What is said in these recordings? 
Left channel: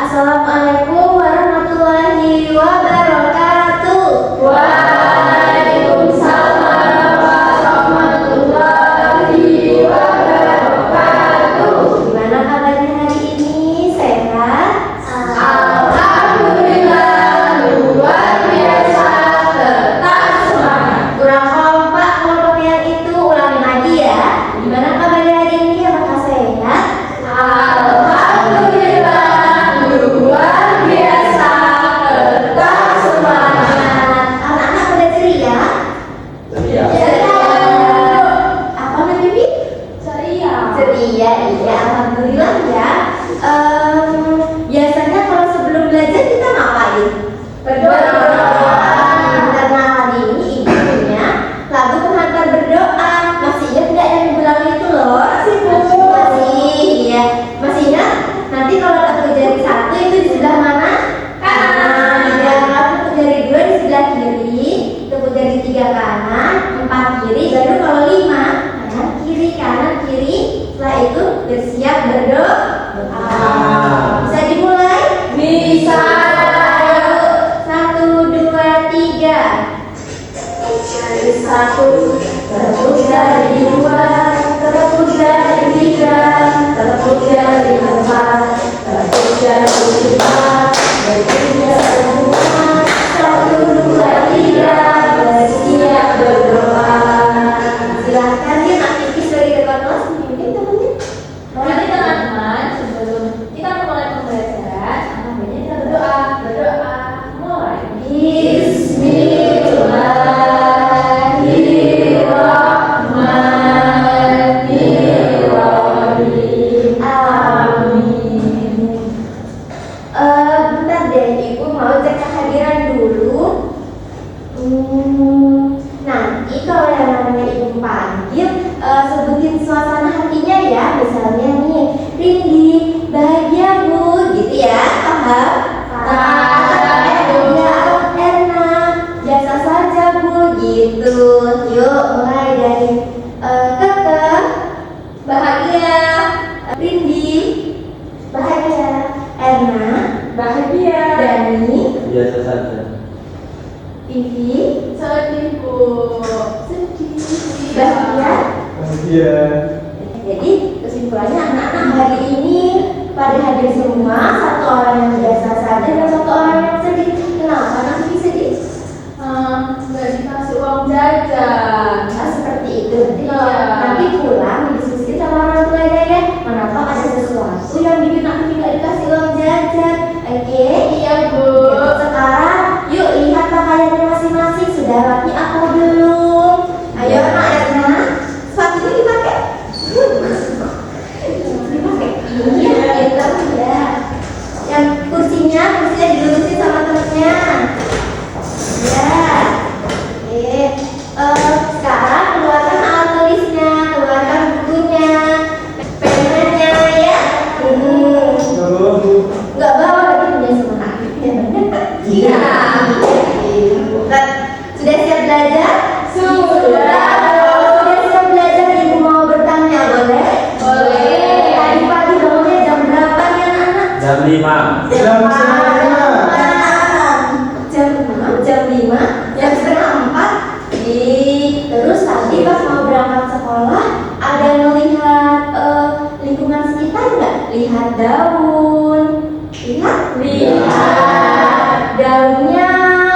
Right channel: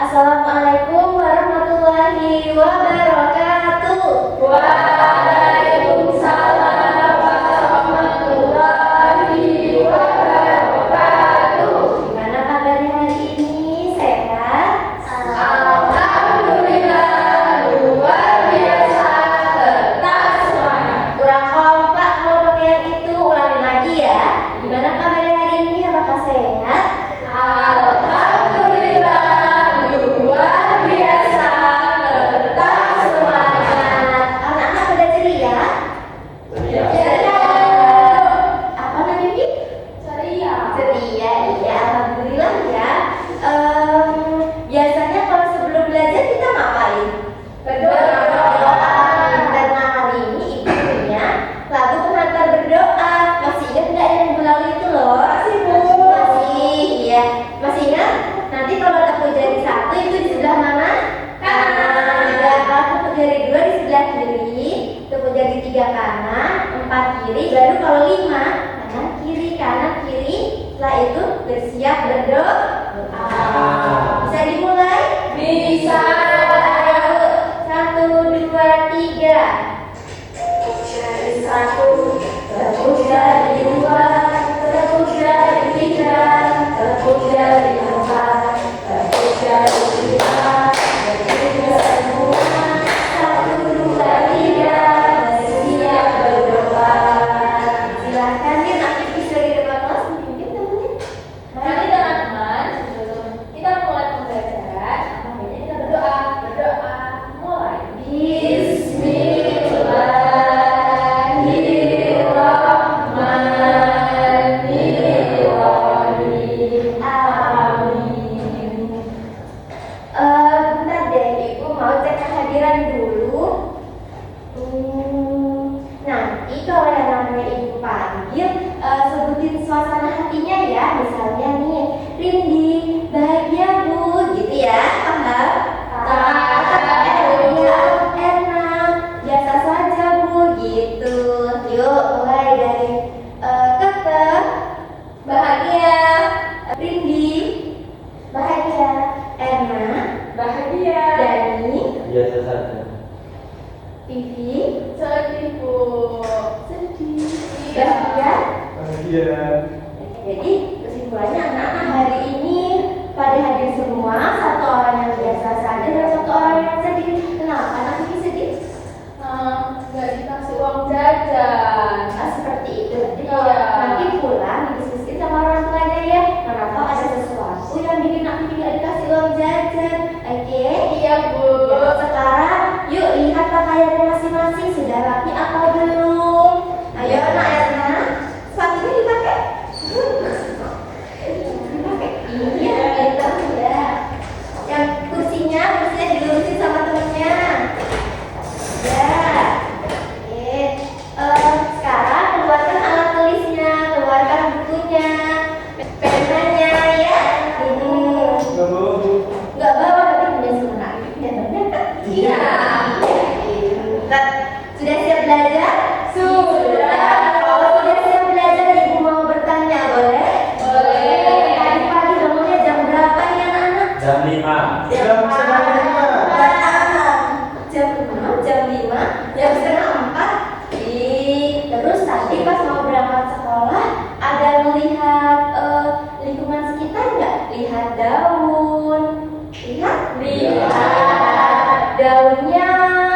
Assalamualaikum warahmatullahi wabarakatuh. Waalaikumsalam warahmatullahi wabarakatuh. Gimana kabarnya hari ini? Sehat? Alhamdulillah, luar biasa, tetap semangat. Kurang kompak ngomong yang itu, ulangin lagi ya. Gimana kabarnya hari ini? Apakah sehat? Alhamdulillah, luar biasa, tetap semangat. Anak-anak pada ceria? Ceria. Apa namanya, Bi? Ceria. Ceria, iya. Alhamdulillah ya. Biasanya kalau sebelum belajar kita ngapain? Berdoa. Karena hari ini ibu punya lagu pengantar berdoa. Masih ingat nggak yang ibu lagu itu loh? Masih, iya. Masih ingat? Nanti kalau tepuk jari satu itu di sebelah mana? Kanan. Ya, kalau tepuk jari dua di sebelah kiri, tepuk jari tiga kanan, empat kiri, baru kalau lima kanan kiri kanan kiri. Setelah itu bersiap berdoa. Bisa dimulai? Bisa. Ayo, 1, 2, 3. Jari satu, tepuk jari dua, tepuk jari tiga, tepuk jari empat, tepuk jari lima, bertiga semua, 1, 2, 3, bersiap berdoa. Silahkan ya, aktivis dari depan kelas mungkin temennya. Jadi teman-teman, sebelum kita memulai pembelajaran, makanya kita berdoa. Berdoa mulai. Bismillahirrahmanirrahim. Amin. Bentar deh, ibu mau cek kehadiran dulu. Nanti kalau yang namanya ibu panggil, sebutin suasana hatinya ya. Misalnya nih, Rindi, bahagia bu, gitu ya. Paham? Ya, Erna, biasa saja bu, gitu. Yuk, mulai dari Keke, bahagia. Rindi, bahagia. Erna, Bahagia. Dani, Biasa saja. Vivi, Sedih bu. sedih. Bahagia. Iya. Jadi kesimpulannya anak-anak hari ini pada hadir semua, satu orang yang biasa saja dan satu orang yang sedih. Kenapa nanti sedih? Nggak dikasih uang jajan. Nah, seperti itu. Nanti kalau Iya. nanti pulang didiskusikan sama orang tuanya ya. Kenapa ada sesuatu yang bikin aku tidak dikasih uang jajan? Oke? Iya bu. Sekarang yuk lihat pakaiannya masing-masing. Sudah rapi atau belum? Ayo anak Erna, sepatunya dipakai. Dipakai. Iya, itu ya. Yang kursinya dilurusin sama temennya. Ya. Oke. Sekarang keluarkan alat tulisnya, keluarkan bukunya, penanya ya. Nggak bawa tapi punya semangat. Ya benar. Iya. Nah, sudah siap belajar? Sudah. Kalau sudah siap belajar, ibu mau bertanya boleh? Boleh. Tadi pagi bangunnya jam berapa nih anak-anak? Jam 5. Jam 5, jam setengah 4. Terus tadi pas mau berangkat sekolah ada melihat lingkungan sekitar nggak? Lihat daun, lihat daunnya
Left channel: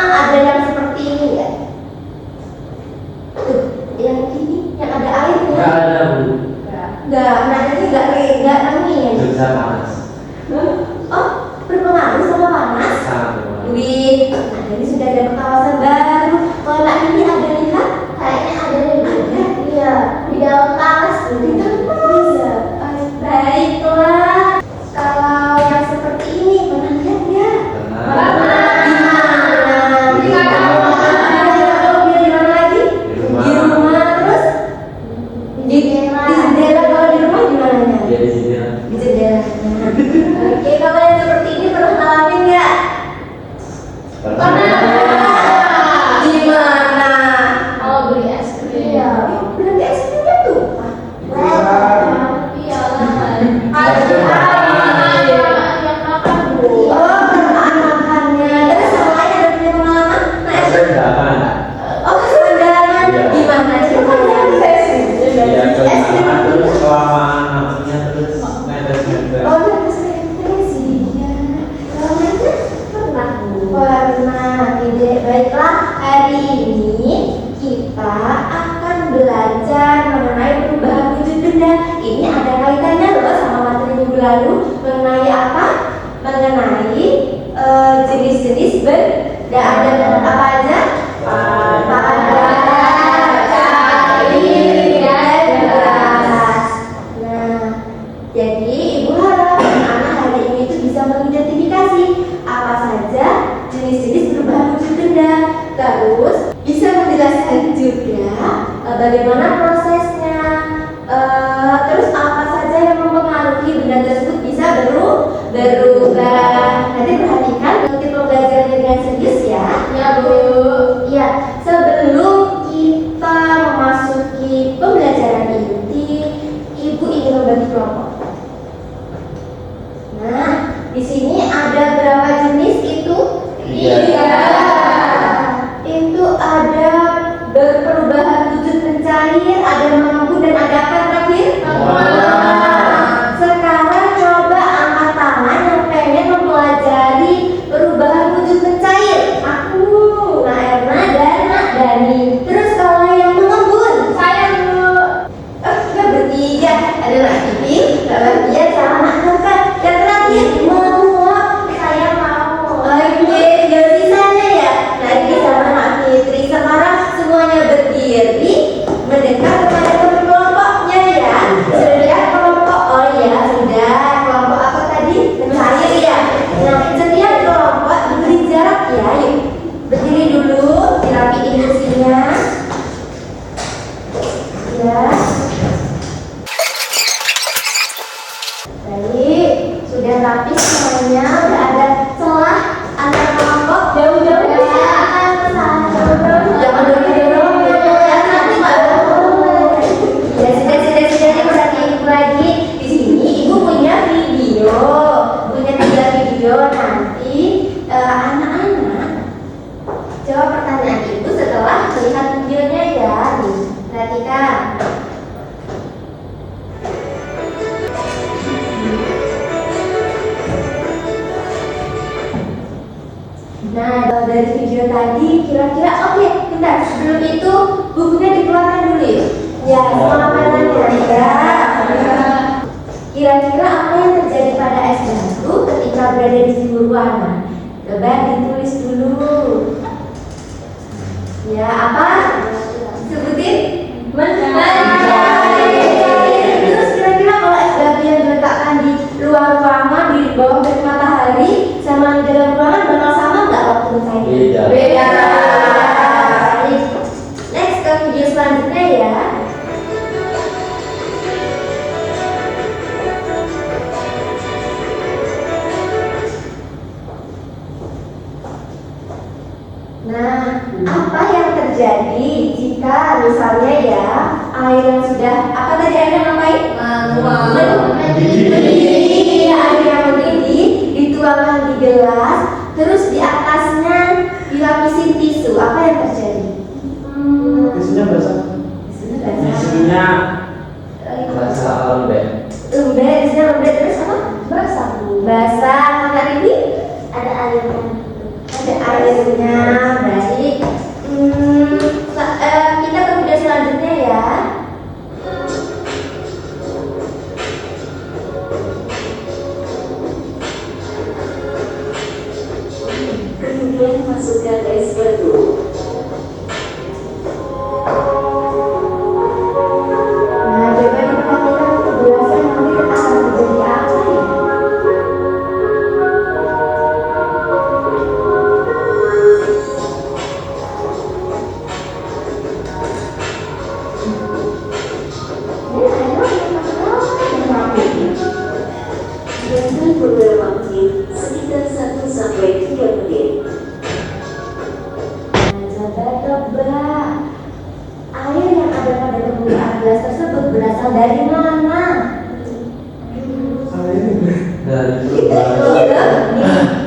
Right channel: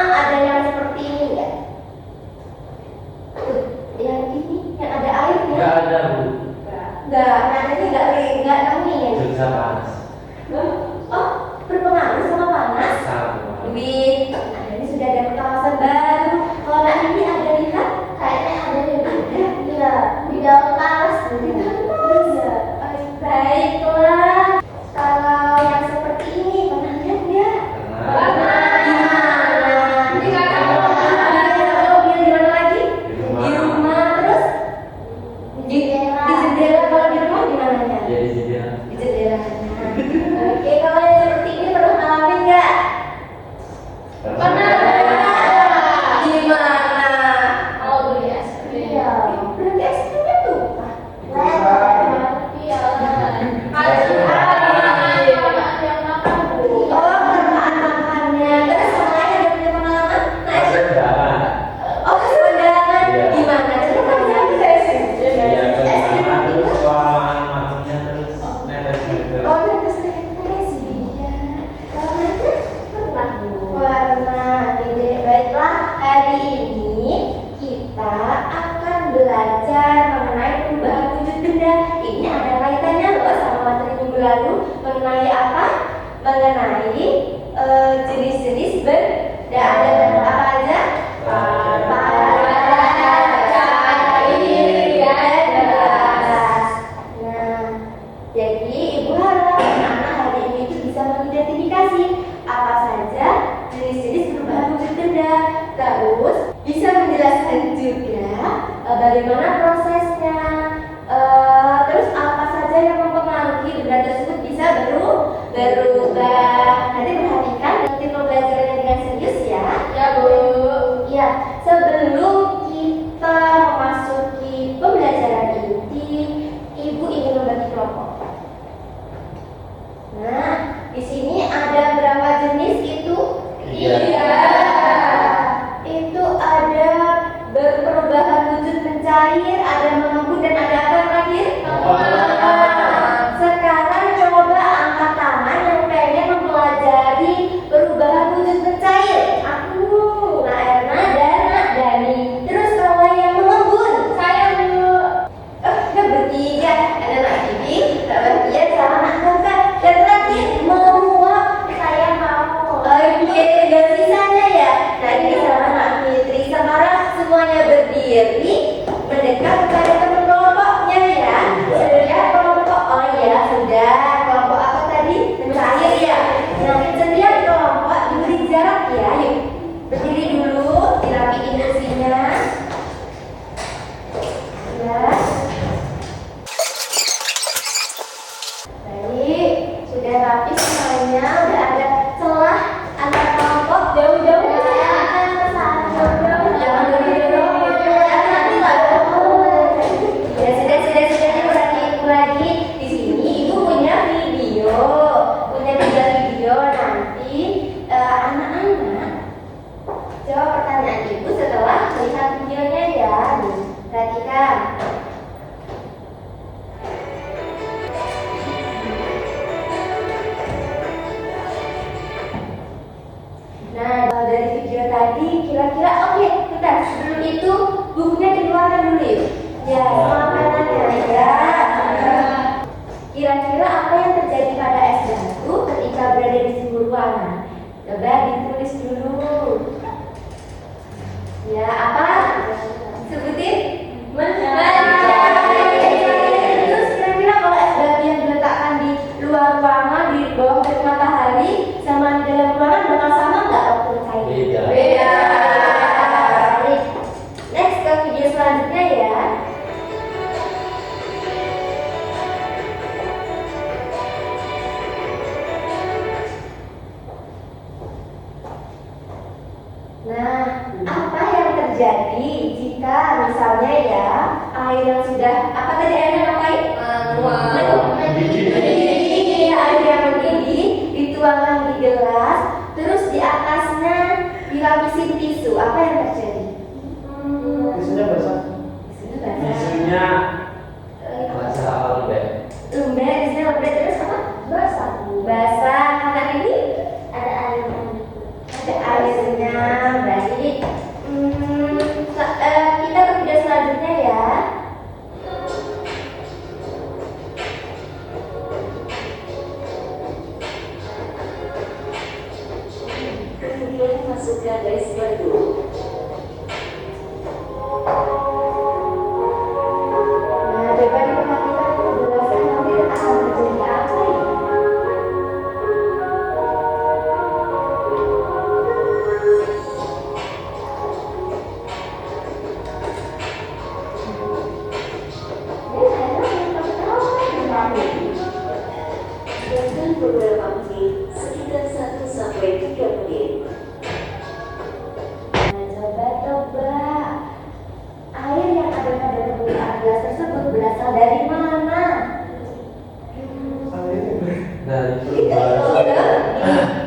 ada yang seperti ini nggak? Tuh, yang ini yang ada airnya. Enggak ada, Bu. Nggak, nadanya nggak angin. Bisa panas. Oh, berpengaruh sama panas. Sangat panas. Wih, nah ini sudah ada kawasan baru. Kalau nak ini ada lihat, kayaknya ada lihat. Iya, di daun talas. Di daun talas. Iya. Baiklah. Kalau yang seperti ini pernah lihat ya? Karena Di mana? Di mana lagi? Di rumah. Di rumah terus di jendela. Kalau di rumah gimana ya? jadi sini. Di jendela. Oke, Di sini ada berapa jenis itu? Tiga. Itu ada berperubahan wujud mencair, ada mengembun dan ada apa terakhir? Sekarang coba angkat tangan yang pengen mempelajari perubahan wujud mencair. Aku, Nah Erna, Dana, Dani. Terus kalau yang mengembun? Saya dulu. Kita bertiga. Ada Nak Bibi, Kak Batia, sama Nak Kakak. Yang terakhir menguap. Saya mau. Oke, tinggal sisanya ya. Nah ini sama Nak Fitri. Sekarang semuanya berdiri mendekat kepada teman kelompoknya ya. Sudah lihat kelompok? Oh iya sudah. Kelompok apa tadi? Mencair ya. Nah setiap kelompok beri jarak ya. Yuk berdiri dulu, dirapiin kursinya. Ya. Baik, sudah rapi semuanya. Udah ada celah antara kelompok. Jauh-jauh Ya, jangan dorong-dorong ya, nanti malah. Ya sudah berarti ibu lagi. Di sini ibu punya video, punya 3 video. Nanti anak-anak jawab pertanyaan ibu setelah melihat videonya ya. Nih, perhatikan. Nah, kalau dari video tadi kira-kira oke, bentar, sebelum itu bukunya dikeluarkan dulu ya. Ya, sama mainannya ya. Kira-kira apa yang terjadi pada es batu ketika berada di suhu ruangan? Coba ditulis dulu. Ya, apa? Sebutin. Terus kira-kira kalau es batu yang diletakkan di luar ruangan, di bawah terik matahari, sama di dalam ruangan bakal sama nggak waktu mencairnya? Beda. Beda. Next ke video selanjutnya ya. Nah, apa yang terjadi jika misalnya ya air yang sudah apa tadi airnya ngapain? Mendidih. Air yang mendidih dituangkan di gelas, terus di atasnya dilapisin tisu. Apa yang terjadi? Tisunya basah. Tisunya basah. Tisunya rasa lembek. Lembek, tisunya lembek terus apa? Basah. Basah. Karena ini ada airnya. Ada airnya. Baik. Kita ke video selanjutnya ya. Kemudian masukkan es batu. Nah, coba diperhatikan kejelasan nanti akan terjadi apa ya? Biarkan beberapa waktu sekitar 1 sampai 3 menit. Nah, coba tebak air yang ada pada permukaan gelas tersebut berasal dari mana? Dari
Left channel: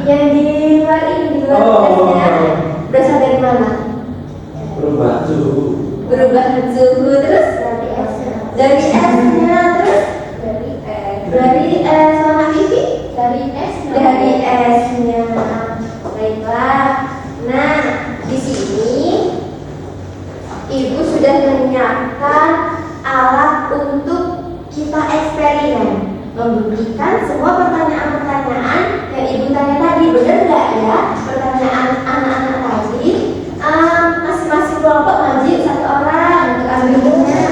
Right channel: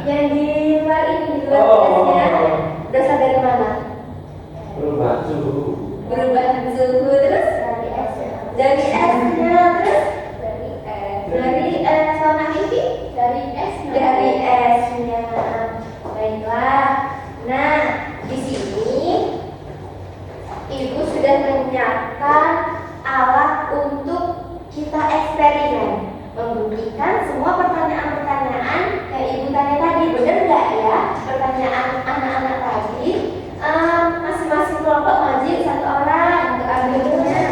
Yang di luar ini, di luar Oh. gelasnya berasal dari mana? berubah suhu. Perubahan suhu terus dari esnya terus dari warna pipi Dari es. dari esnya. Baiklah. Nah, di sini ibu sudah menyiapkan alat untuk kita eksperimen, membuktikan semua pertanyaan-pertanyaan yang ibu tanya tadi. Benar nggak ya pertanyaan anak-anak tadi? Masing-masing kelompok maju satu orang untuk ambilnya.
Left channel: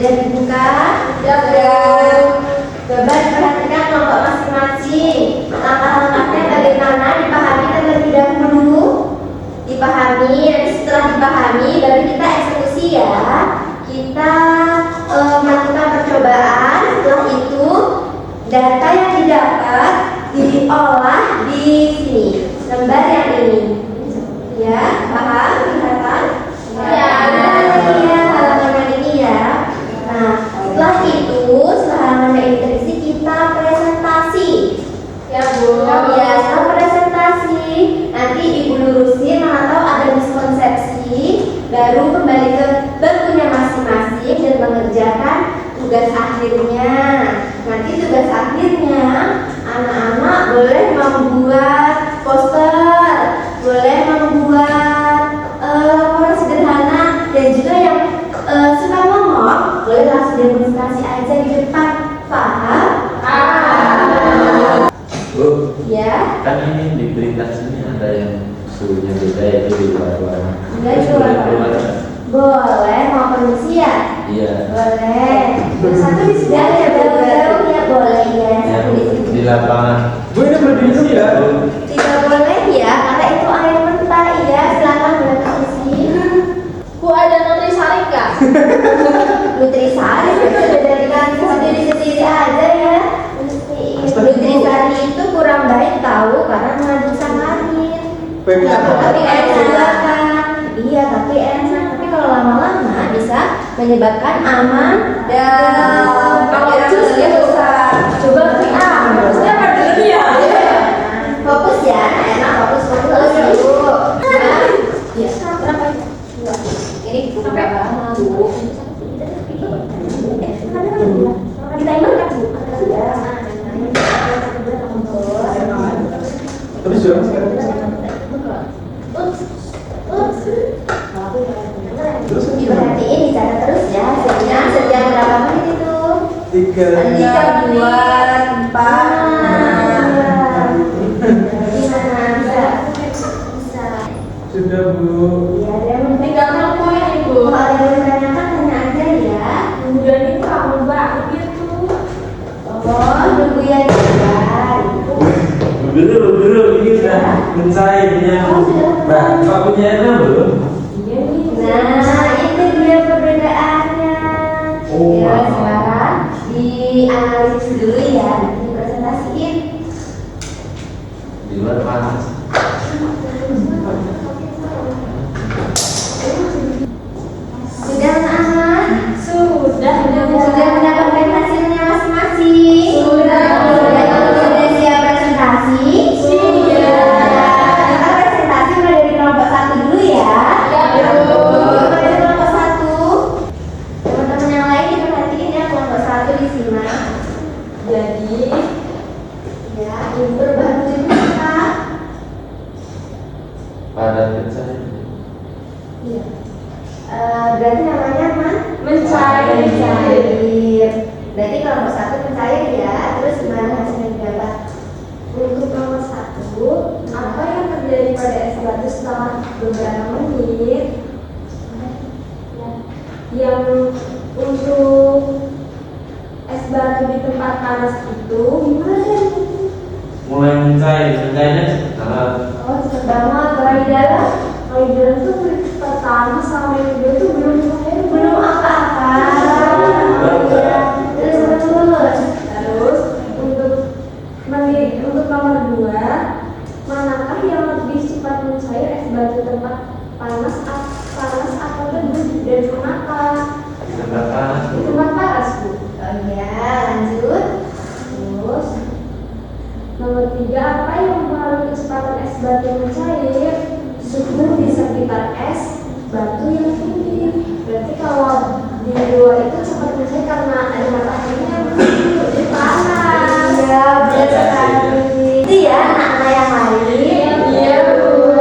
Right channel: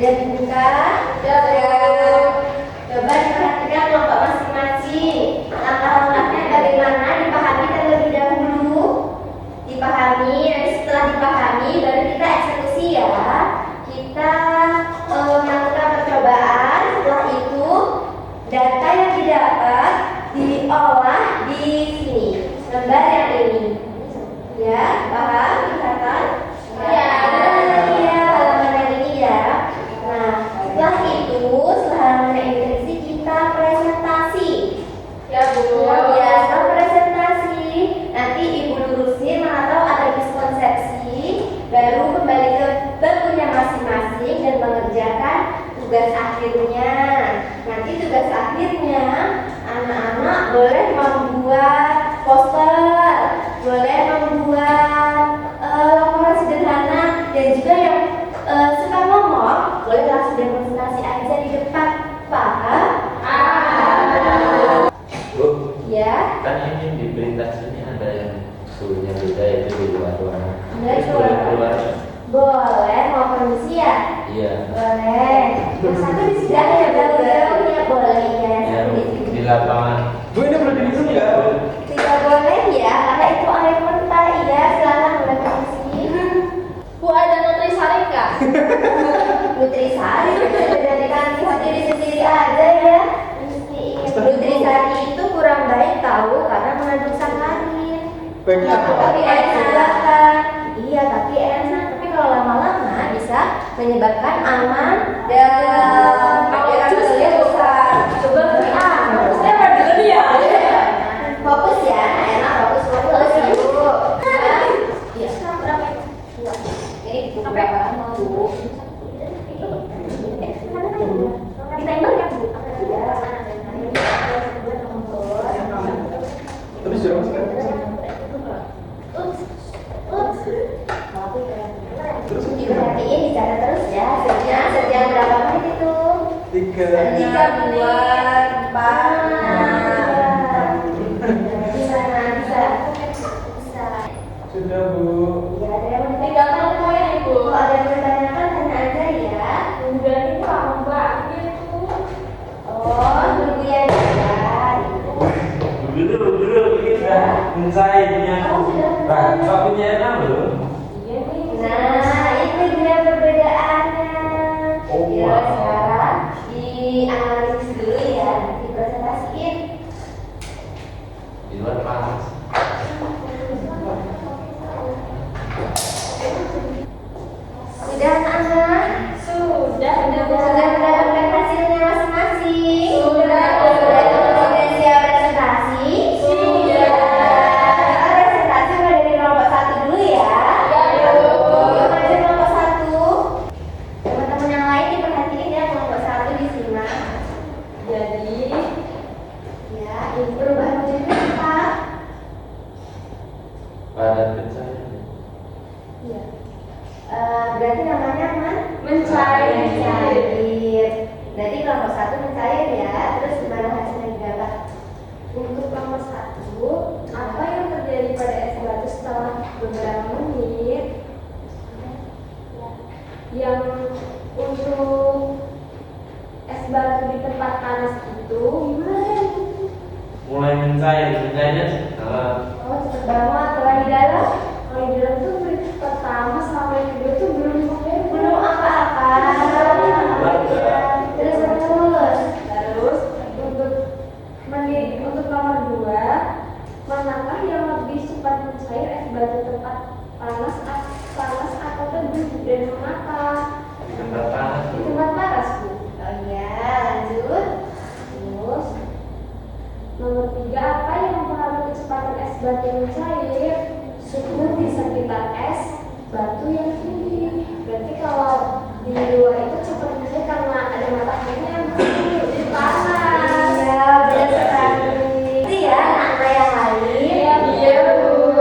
Sudah dibuka? Sudah. Coba diperhatikan kelompok masing-masing. Langkah-langkahnya bagaimana dipahami terlebih dahulu. Dipahami, nanti setelah dipahami baru kita eksekusi ya. Kita melakukan percobaan. Setelah itu data yang didapat diolah di sini, lembar yang ini. Ya, paham? Kelihatan? Ya. Ya, halaman yang ini ya. Nah, setelah itu, setelah halaman yang ini terisi, kita presentasi. Ya, Bu. Ya, setelah presentasi, nanti Ibu lurusin mana tahu ada miskonsepsi, baru kembali ke bangkunya masing-masing dan mengerjakan tugas akhirnya. Nanti tugas akhirnya anak-anak boleh membuat poster, boleh membuat laporan sederhana, dan juga yang suka ngomong boleh langsung demonstrasi aja di depan. Paham? Bu, Ya. kan ini di berita sini ada yang suhunya beda yaitu di luar ruangan. Enggak, Terus di luar boleh keluar? Boleh, mau permisi ya? Iya. Boleh. Yang satu di sebelah ya, jauh-jauh ya boleh ya. Ya, Satu di sini. di lapangan. Bu, ini belum diminum ya? Tidak boleh ya, karena itu air mentah ya. Silakan boleh permisi. Bu, ada nutrisari nggak? Nutrisari bisa dijadikan sendiri-sendiri aja ya. Nutrisari itu kurang baik tahu karena mengandung sakarin. Baiknya apa? Tapi enak. Iya, tapi enak. Tapi kalau lama-lama bisa menyebabkan aman dan Pakai jus ya, Bu. Coba Terusnya apa dulu ya? fokus ya, enak fokus ya Bu. Iya. Ini sampai Bu. Kita ini kan Bu. Terus jangan sekarang. Terus Diperhatiin, dicatat terus ya hasilnya setiap berapa menit itu. 3. 3, 2, 4. Bisa. Sudah, Bu. Ya, ada yang Tinggal nunggu ya, Ibu. kalau ada yang menanyakan tanya aja ya. Kemudian itu kamu banget tuh. Oh, nunggu ya jalan. Dulu ini sudah mencairnya. Pak punya enam belum? Nah, itu dia perbedaannya. Oh, Ya, wow. sekarang dianalisis dulu ya, dipresentasiin. Di luar panas. Sudah anak-anak? Sudah Sudah mendapatkan hasilnya masing-masing? Sudah. Sudah siap presentasi? Kita presentasi mulai dari kelompok 1 dulu ya. Ya, Bu. Mulai dari kelompok 1. Teman-teman yang lain diperhatiin ya, kelompok 1 disimak. Jadi, Ya, ini perubahan wujudnya apa? Padat pencahayaan. Iya. Berarti namanya mencair. mencair. Berarti kelompok 1 mencair ya. Terus gimana hasilnya didapat? Untuk nomor 1, apa yang terjadi pada es batu setelah beberapa menit? Yang untuk es batu di tempat panas itu gimana? Mulai mencairnya cepat. Oh, cepet banget. Kalau di dalam? Kalau di dalam tuh pertama sama yang kedua tuh belum cair, Belum apa-apa. Terus Terus untuk nomor 2, manakah yang lebih cepat mencair, es batu tempat panas atau teduh, dan kenapa? Di tempat panas. Di tempat panas, Bu. oh iya, lanjut. Terus nomor 3, apa yang mempengaruhi kecepatan es batu yang mencair? Suhu di sekitar es batu yang tinggi. Berarti kalau di luar itu cepat mencair karena ada mataharinya, jadi panas. Ya, benar sekali. Itu ya anak-anak yang lain. Iya, Bu.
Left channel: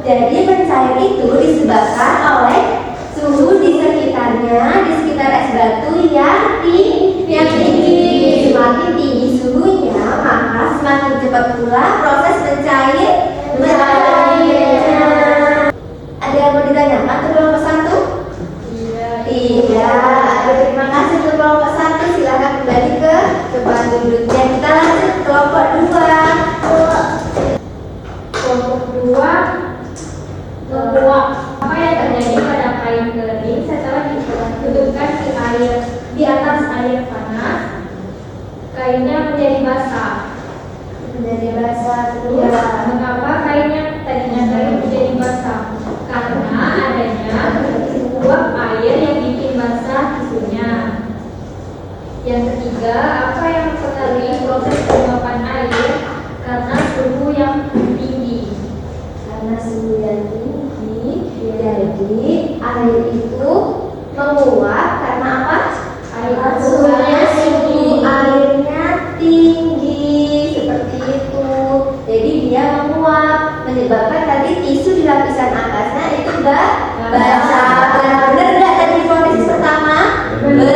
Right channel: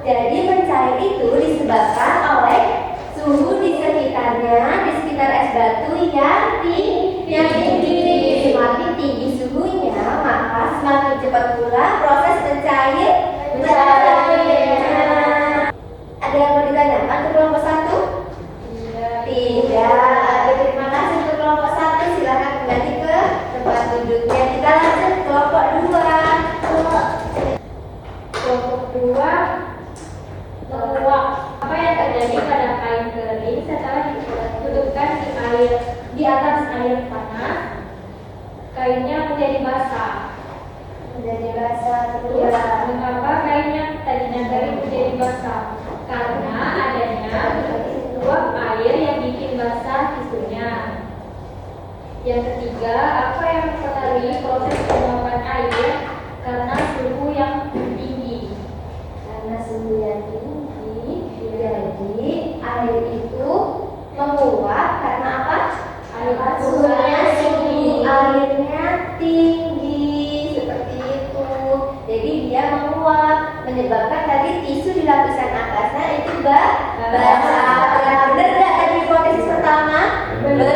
Jadi mencair itu disebabkan oleh suhu di sekitarnya, di sekitar es batu yang tinggi. Semakin tinggi suhunya, maka semakin cepat pula proses mencairnya. Ada yang mau ditanyakan ke kelompok 1? Iya. Tidak. Terima kasih. tempat duduknya. Kita lanjut kelompok 2. Kelompok 2 menguap. Apa yang terjadi pada kain kering setelah ditutupkan di air di atas air panas? Kainnya menjadi basah. Menjadi basah Ya, terus. mengapa kainnya tadinya kering menjadi basah? Karena adanya uap air yang bikin basah tisunya. Yang ketiga, apa yang mempengaruhi proses penguapan air? Karena suhu yang tinggi. Karena suhu yang tinggi, jadi air itu menguap karena apa? Suhunya tinggi, airnya tinggi seperti itu. Jadi dia menguap, menyebabkan tadi tisu di lapisan atasnya itu basah. Benar nggak tadi hipotesi pertama? Benar,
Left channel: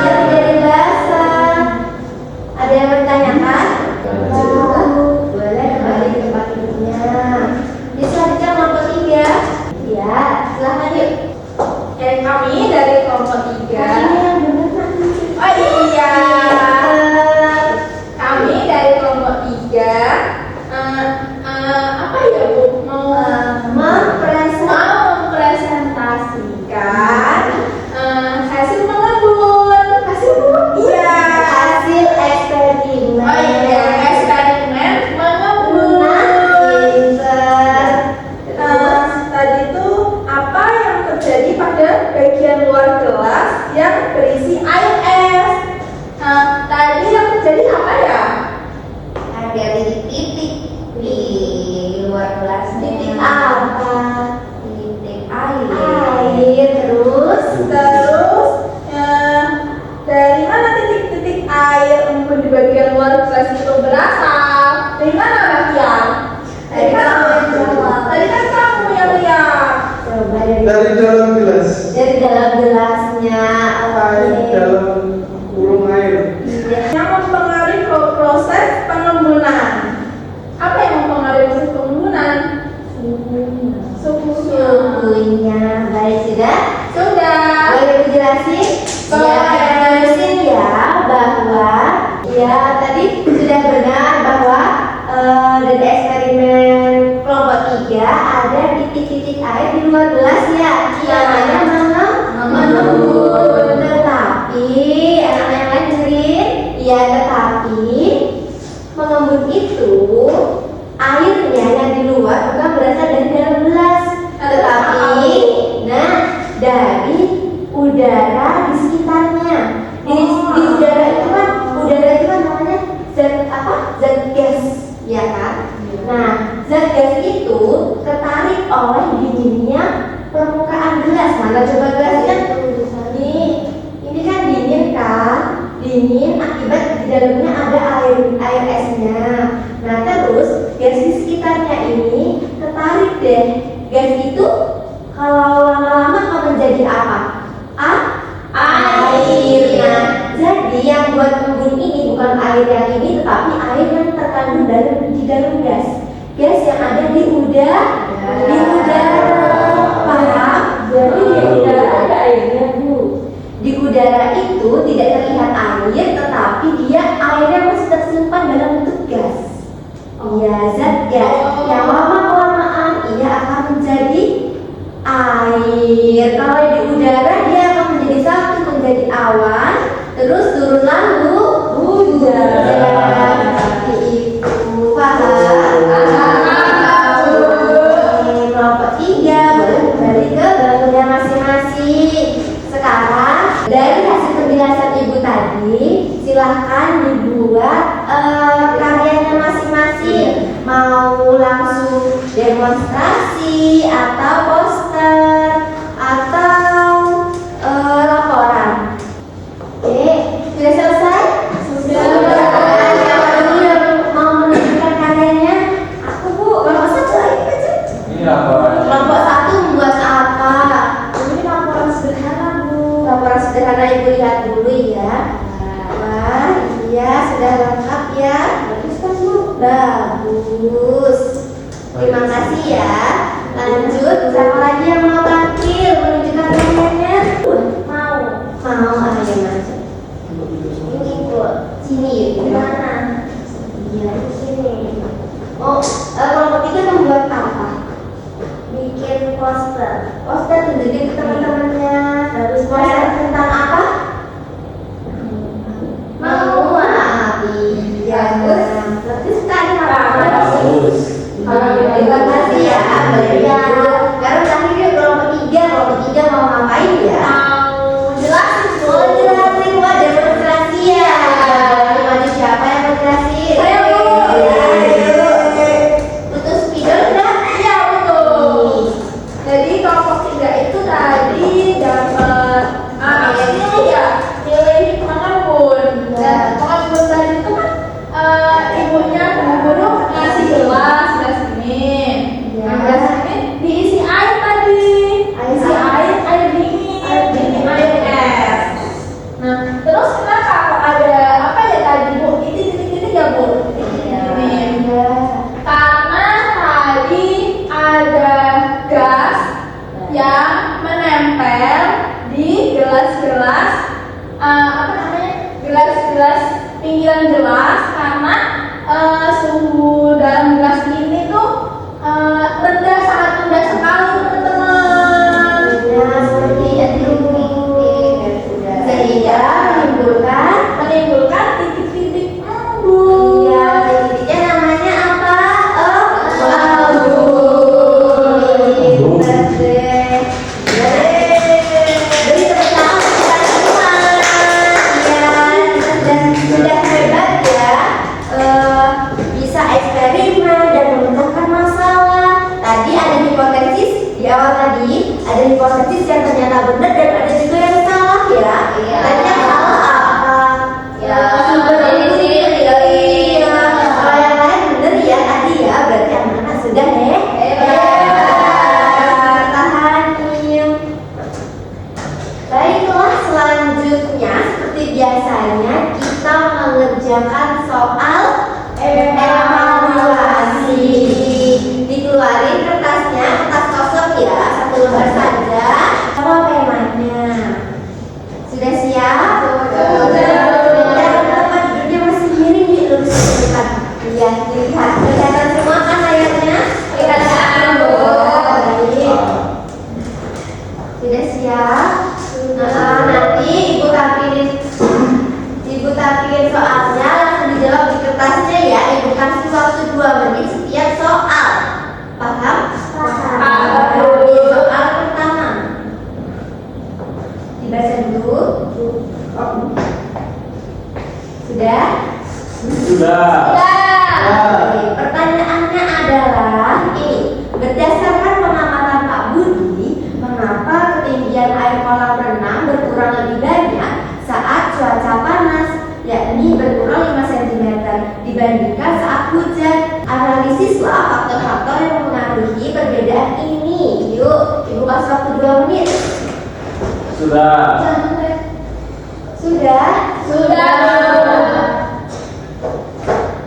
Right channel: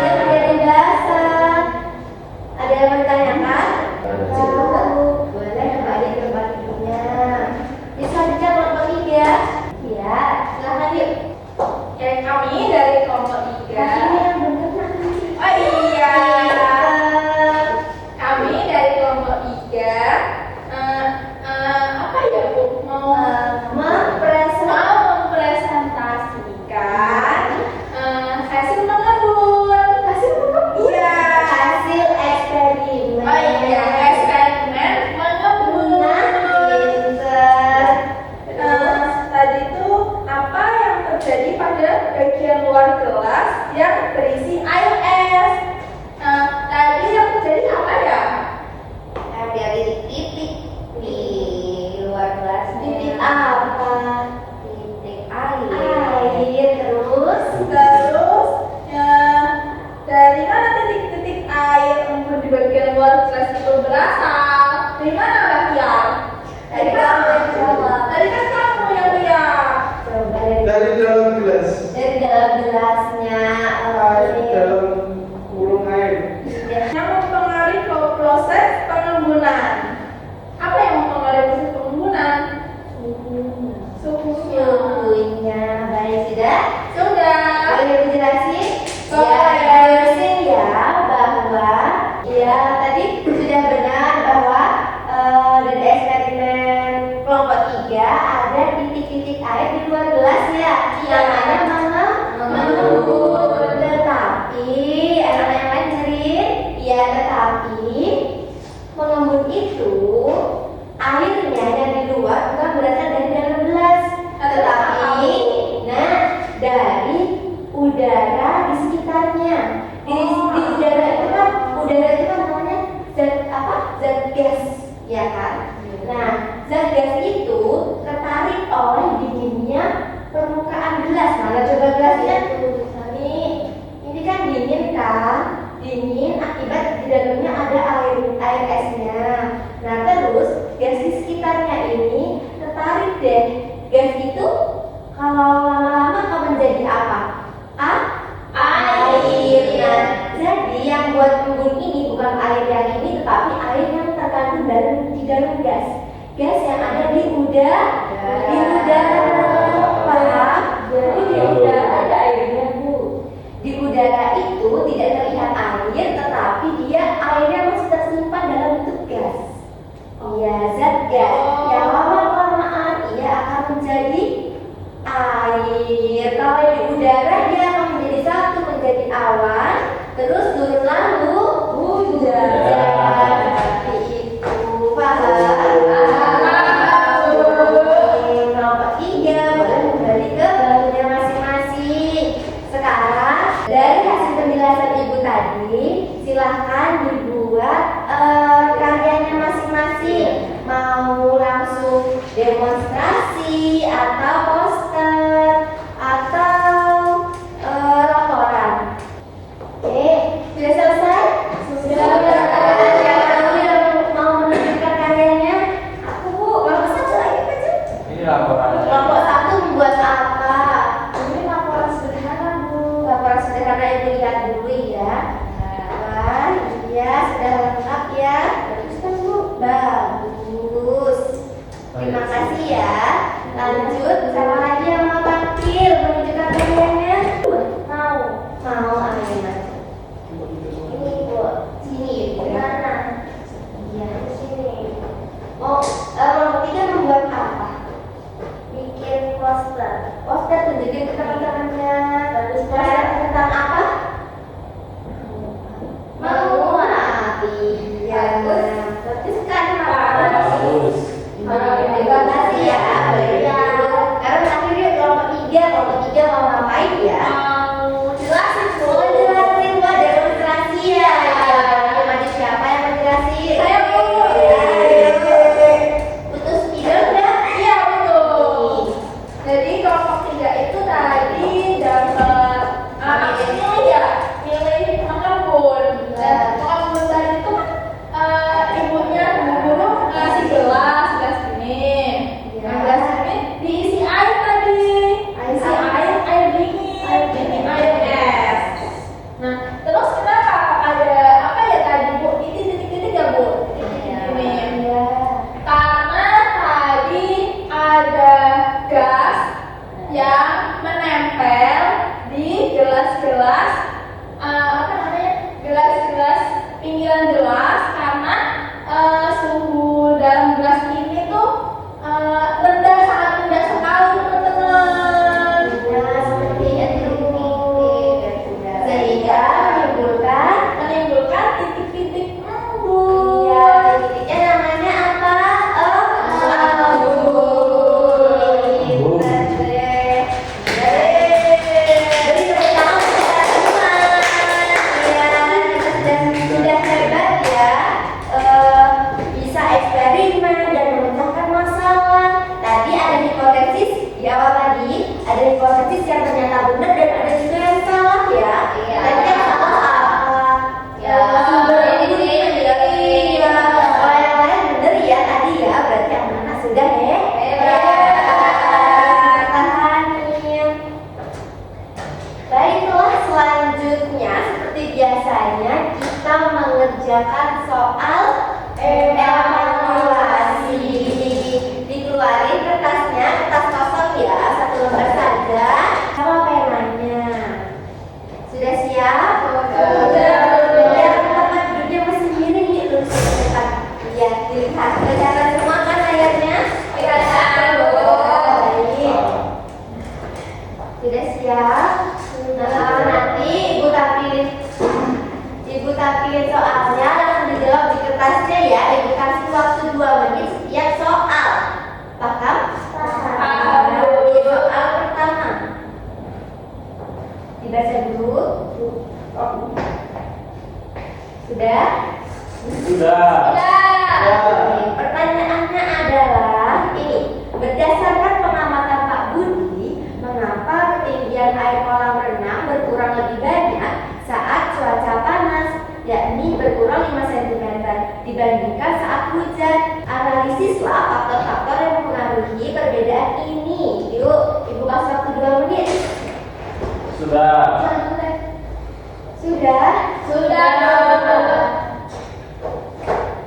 dia menjadi basah. Ada yang bertanyakan? Boleh kembali ke tempat duduknya. Jadi selanjutnya kelompok 3. Ya, silahkan yuk. Dan kami dari kelompok 3. Ini yang benar nanti. Oh iya, kami dari kelompok 3. Apa ya Bu? Mau mempresentasikan hasil mengembun. Hasil mengembun? Iya. Hasil eksperimen. Oh iya, eksperimen mengembun. Pinter. Tadi itu apa yang terjadi pada bagian luar gelas yang berisi air es? Tadi yang terjadi apa ya? Ada titik-titik di luar gelasnya. Titik apa? Titik air. Terus Terus dari mana titik-titik air embun di bagian luar gelas itu berasal? Dari mana Mbak Tian? Dari kamu yang jawab. Tadi kan kamu yang lihat. coba Dari dalam gelas. dari dalam gelasnya. Air dalam kurung air. Yang mempengaruhi proses pengembunan. Apa yang mempengaruhi proses pengembunan? Suhunya. Suhunya. Baik, sudah. Sudah. Boleh dijelasin? Boleh. Ya, dijelasin ya bahwa ya tadi sudah benar bahwa dari eksperimen kelompok 3 ada titik-titik air di luar gelas ya. Namanya mengembun. Tetapi anak yang lain dengerin ya, tetapi mengembun itu airnya yang di luar bukan berasal dari dalam gelas, tetapi dari udara di sekitarnya. Di udara itu kan namanya zat gas, ya kan? Nah, zat gas itu tertarik oleh dinginnya permukaan gelas. Mana coba gelasnya? Nih, ini kan dingin kan? Dingin akibat di dalamnya ada air esnya. Nah, terus gas di sekitarnya ini tertarik deh. Gas itu kalau lama-lama akan menjadi apa? Air. Nah, jadi yang buat embun ini bukan air yang ini, tetapi air yang terkandung di dalam gas. Gas yang ada di udara. Paham? Jadi di udara ada airnya Bu. Di udara itu tidak terlihat air, tetapi dia airnya masih tersimpan dalam bentuk gas. Iya, zat gas yang lama-kelamaan ia akan menjadi air. Kalau di udara dia akan menjadi satu, menjadi awan, terus turun lalu hujan. Seperti itu. Paham? Kelompok 3 boleh kembali ke barunya masing-masing. Sekarang dari hasil penjelasan ibu tadi, silahkan dibuat karyanya masing-masing. Mau langsung demonstrasi atau poster atau laporan. Oke, sudah selesai? Sudah. Yang mau menunjukkan karyanya? Aku Bu, kelompok 1 lagi baca. Ini laporan. Kelompok 1 membuat apa? Ini laporan sederhana Bu. Laporan sederhana ibu lihat dulu ya. Wah, iya sudah lengkap ya. Bagus kan Bu? Bagus. Terima kasih ya. Lanjut, siapa lagi yang mau tampil menunjukkan karyanya? Mau ayo masuk. Ini Bu. benar dan ada juga yang salah ya. Iya. Dan yang salah apa? Ya, Sumber ini sih iya. Kalau yang lain benar ya tadi ya, berarti yang mana sudah ya? Tahanin. Baiklah, selanjutnya seperti biasanya kita mengerjakan soal evaluasi. Dikeluarin kertasnya, kertas kosong ya, satu lembar saja. Apa penanya? Sudah siap? Teman-teman duduknya masih miring nih, lurus ke depan. Lihat, dilihat, kelihatan semua kan layarnya? Kelihatan. Baik. Sudah siap? Nah, nanti Ibu tampilin soalnya, langsung dijawab di kertasnya ya. Ibu kasih waktu 2 menit setiap soal. Paham? Paham. Di soal pertama dibaca dulu. Sudah? Sudah. Oke, pertanyaannya adalah ini. Berdasarkan pengamatan Pak Budi, mengapa ketinggian air kolam renang berkurang lebih banyak saat cuaca panas, yakni berkurang 5 cm dibandingkan saat hujan? Analisislah faktor-faktor yang mempengaruhi perbedaan ini. Yuk, Ibu kasih waktu 2 menit. Sudah. Sudah? Sudah.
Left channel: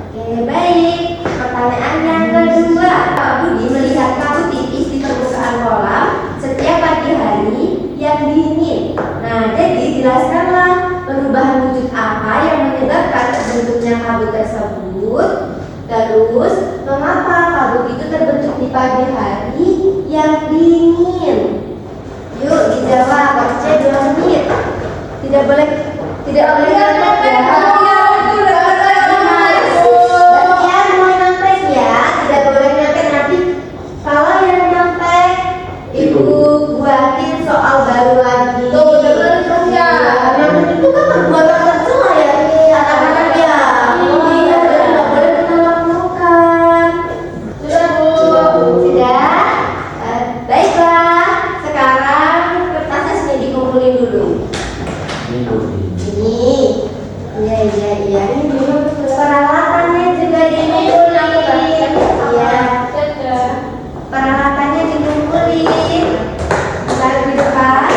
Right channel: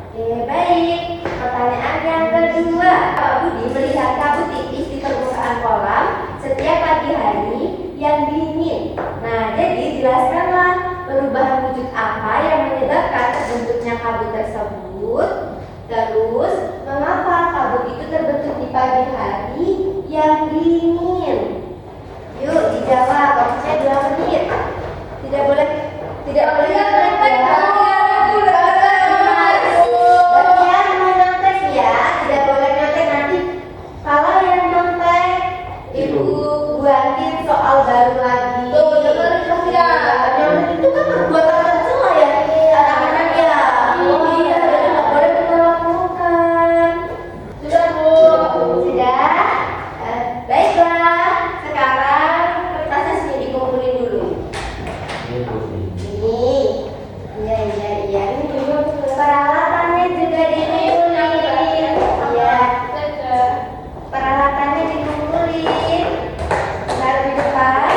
Oke, baik. Pertanyaan yang kedua, Pak Budi melihat kabut tipis di permukaan kolam setiap pagi hari yang dingin. Nah, jadi jelaskanlah perubahan wujud apa yang menyebabkan terbentuknya kabut tersebut. Terus, mengapa kabut itu terbentuk di pagi hari yang dingin? Yuk, dijawab. Waktunya 2 menit. Tidak boleh nyontek ya. Bagian mau nyontek ya, tidak boleh nyontek nanti. Kalau yang nyontek, Ibu buatin soal baru lagi. Tuh, dengar itu ya. Nyontek itu kan perbuatan tercela ya, anak-anak ya. Iya, jadi nggak boleh dilakukan. Sudah, Bu. Sudah? Baiklah, sekarang kertasnya sini dikumpulin dulu. Ini Budi. Ini, iya. Ini dulu peralatannya juga dikumpulin. Iya, peralatannya dikumpulin. Taruh di depan.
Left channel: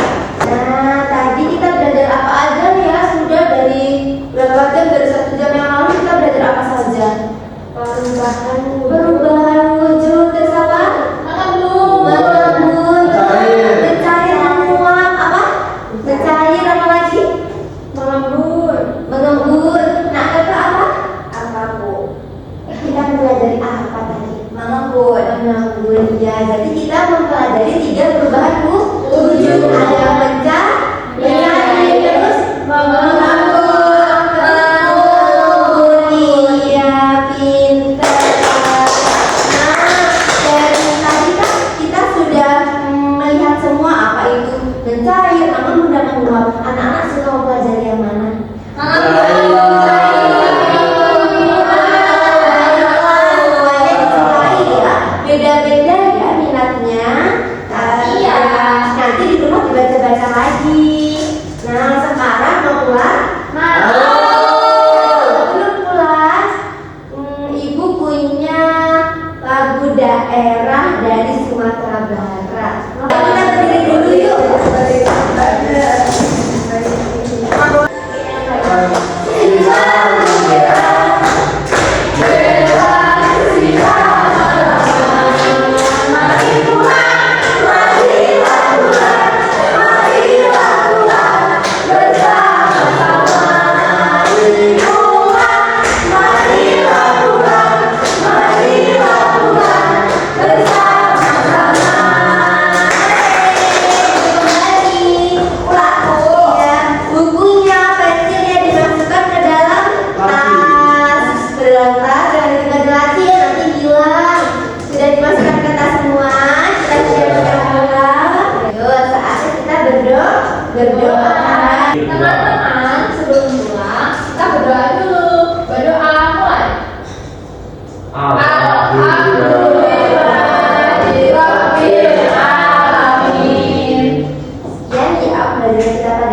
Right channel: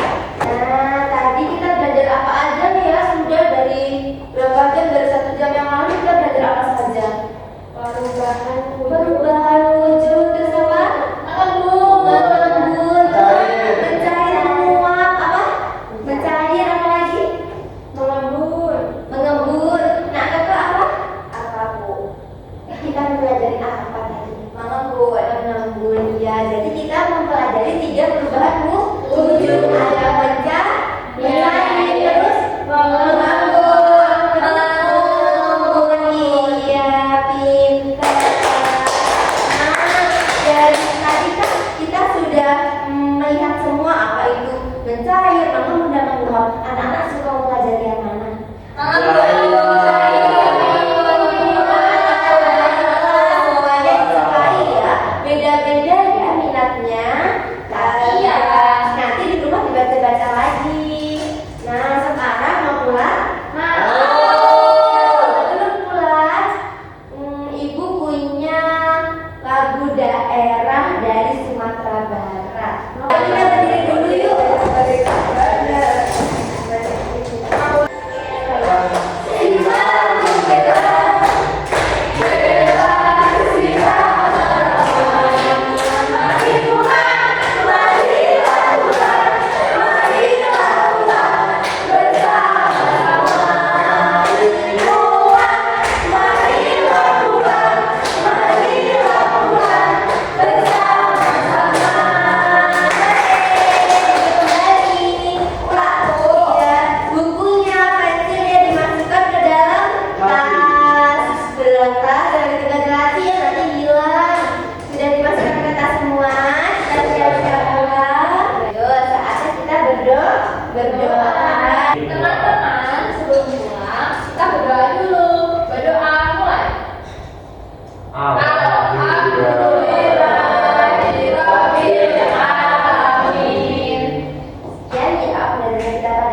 Nah, tadi kita belajar apa aja nih ya? Sudah dari berapa jam? Dari 1 jam yang lalu kita belajar apa saja? Perubahan wujud terus apa? Mengembun, mencair, menguap, apa? Mencair apa lagi? Mengembun. Nah, itu apa? Kita mempelajari apa tadi? Mengembun. Ya, jadi kita mempelajari 3 perubahan wujud. Ada yang mencair, terus mengembun. Iya, pintar. Nah, dari tadi kan kita sudah melihat semua apa itu mencair, namun mudah menguap. Anak-anak suka mempelajari yang mana? Semuanya disukai ya. Beda-beda ya minatnya. Iya. Nanti di rumah dibaca-baca lagi. Nah, sekarang mau pulang? Sebelum pulang, Ibu punya lagu daerah dari Sumatera Barat. Kita berdiri dulu yuk. Bukunya, pensilnya dimasukkan ke dalam tas. Belum tas, jangan diganti ya, nanti hilang. Sudah dimasukkan ke tas semua. Kita siap-siap pulang. Yuk, saatnya kita berdoa. Teman-teman, sebelum pulang, kita berdoa dulu. Berdoa mulai. Alhamdulillah. Alhamdulillahirabbil alamin. Sekian kita pada